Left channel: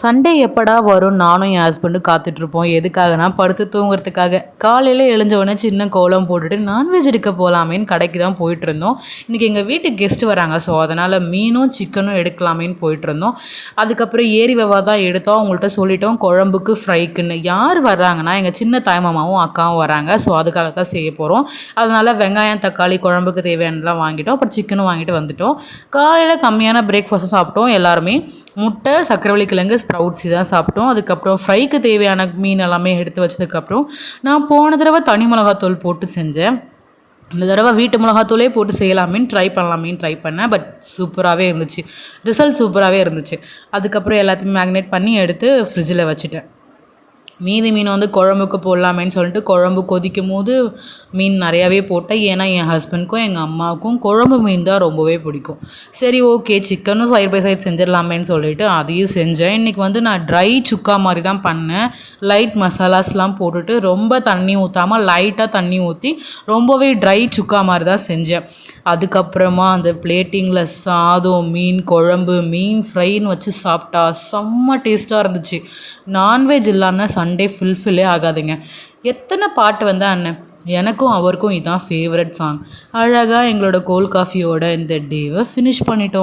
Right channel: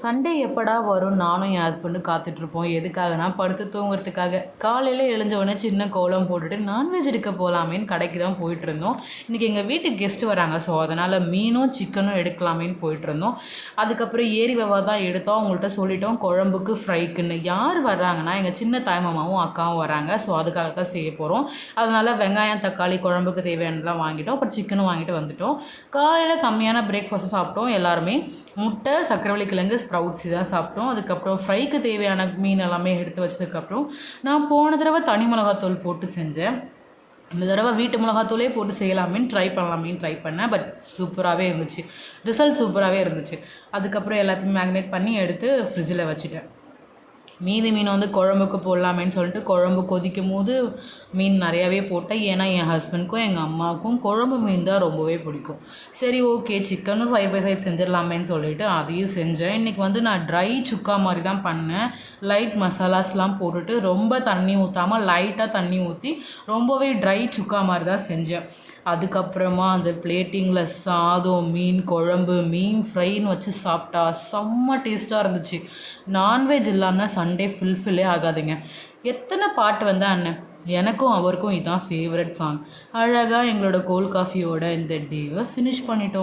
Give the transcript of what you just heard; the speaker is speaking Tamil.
சண்டே எப்படா வரும் நானும் என் ஹஸ்பண்டும் காத்துட்ருப்போம். எதுக்காகனா படுத்து தூங்குறதுக்காக. காலையில் எழுஞ்ச உடனே சின்ன கோலம் போட்டுட்டு நான்வெஜ் எடுக்க போகலாமேன்னு கடைக்கு தான் போயிட்டுருந்தோம். இன்றைக்கி எங்கள் வீட்டுக்கு கெஸ்ட் வராங்க. ஸோ அதனால் மீனும் சிக்கனும் எடுக்கலாமேன்னு போயிட்டுருந்தோம். அதுக்கப்புறம் ஏரி வெவா தான் எடுத்தோம். அவங்கள்ட்ட சொல்லிட்டோம் குழம்புக்கு ஃப்ரைக்குன்னு. யார் வர்றாங்கன்னா எங்கள் சின்ன தாய்மாமாவும் அக்காவும் வராங்க. ஸோ அதுக்காக தான் செய்ய போகிறோம். அதனால் வெங்காயம் தக்காளி குழம்புக்கு தேவையானதெல்லாம் வாங்கிட்டோம். அப்புறம் சிக்கனும் வாங்கிட்டு வந்துட்டோம். காலையில் கம்மியான பிரேக்ஃபாஸ்ட்டும் சாப்பிட்டோம் எல்லாருமே. முட்டை சக்கரவள்ளி கிழங்கு ஸ்ப்ரவுட்ஸ் தான் சாப்பிட்டோம். அதுக்கப்புறம் ஃப்ரைக்கு தேவையான மீன் எல்லாமே எடுத்து வச்சதுக்கப்புறம் நான் போன தடவை தனி மிளகாத்தூள் போட்டு செஞ்சேன். இந்த தடவை வீட்டு மிளகாத்தூளே போட்டு செய்யலாமேன்னு ட்ரை பண்ணேன். பட் சூப்பராகவே இருந்துச்சு. ரிசல்ட் சூப்பராகவே இருந்துச்சு. அதுக்கப்புறம் எல்லாத்தையுமே மேக்னேட் பண்ணி எடுத்து ஃப்ரிட்ஜில் வச்சுட்டேன். மீதி மீன் வந்து குழம்புக்கு போடலாமேன்னு சொல்லிட்டு குழம்பு கொதிக்கும் போது மீன் நிறையாவே போட்டேன். ஏன்னா என் ஹஸ்பண்ட்க்கும் எங்கள் அம்மாவுக்கும் குழம்பு மீன் தான் ரொம்பவே பிடிக்கும். சரி ஓகே சிக்கனும் சைட் பை சைட் செஞ்சிடலாமேன்னு சொல்லிட்டு அதையும் செஞ்சேன். இன்றைக்கி வந்து நான் ட்ரை சுக்கா மாதிரி தான் பண்ணேன். லைட் மசாலாஸ்லாம் போட்டுட்டு ரொம்ப தண்ணி ஊற்றாமல் லைட்டாக தண்ணி ஊற்றி ரொம்பவே ட்ரை சுக்கா மாதிரி தான் செஞ்சேன். அதுக்கப்புறமா அந்த பிளேட்டிங்கில் சாதம் மீன் குழம்பு மீன் ஃப்ரைன்னு வச்சு சாப்பிட்டா செம்ம டேஸ்ட்டாக இருந்துச்சு. நான்வெஜ் இல்லாமல் சண்டே ஃபுல்ஃபில்லே ஆகாதுங்க. எத்தனை பாட்டு வந்தால் அண்ணன் எனக்கும் அவருக்கும் இதுதான் ஃபேவரட் சாங். அழகாக எங்களோட கோல்ட் காஃபியோட இந்த டேவை ஃபினிஷ் பண்ணிட்டோம்.